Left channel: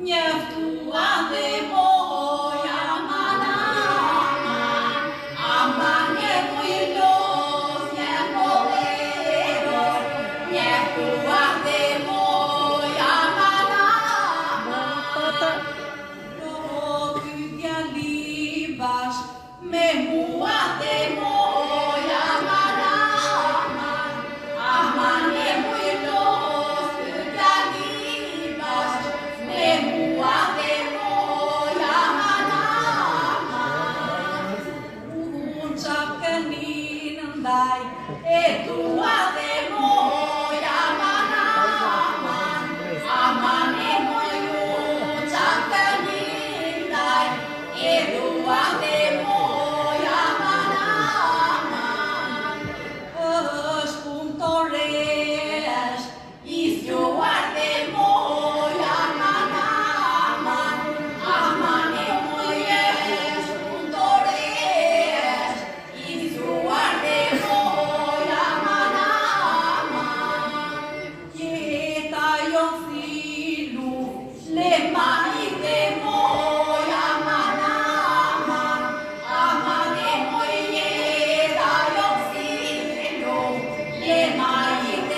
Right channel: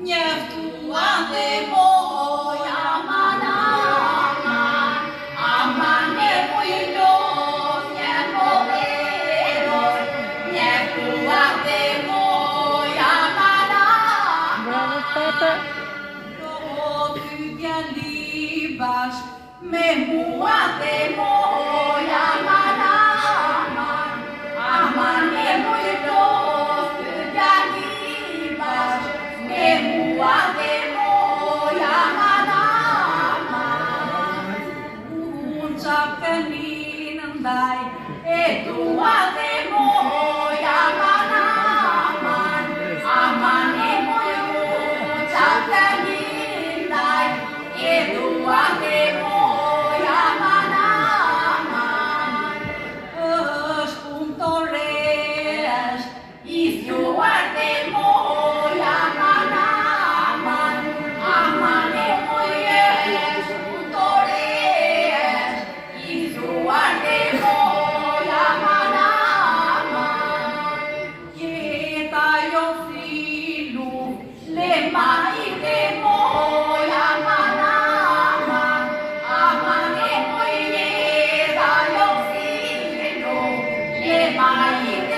Njeftuate moja manama, ama nemoj los njemo ero. Njeftuate moja manama, rotyvia libas, me muate moja manama, ama nemoj los tyvia libas, me muate moja manama. Unsakkeninandai, etuate moja manama, ama nemoj unsakkenindai, etuate moja manama. Öspuntoreas, istuate moja manama, ama nemoj öspuntoreas, istuate moja manama. Jetajon filu, lemaite moja manama, ama nemoj jetajon filu, lemaite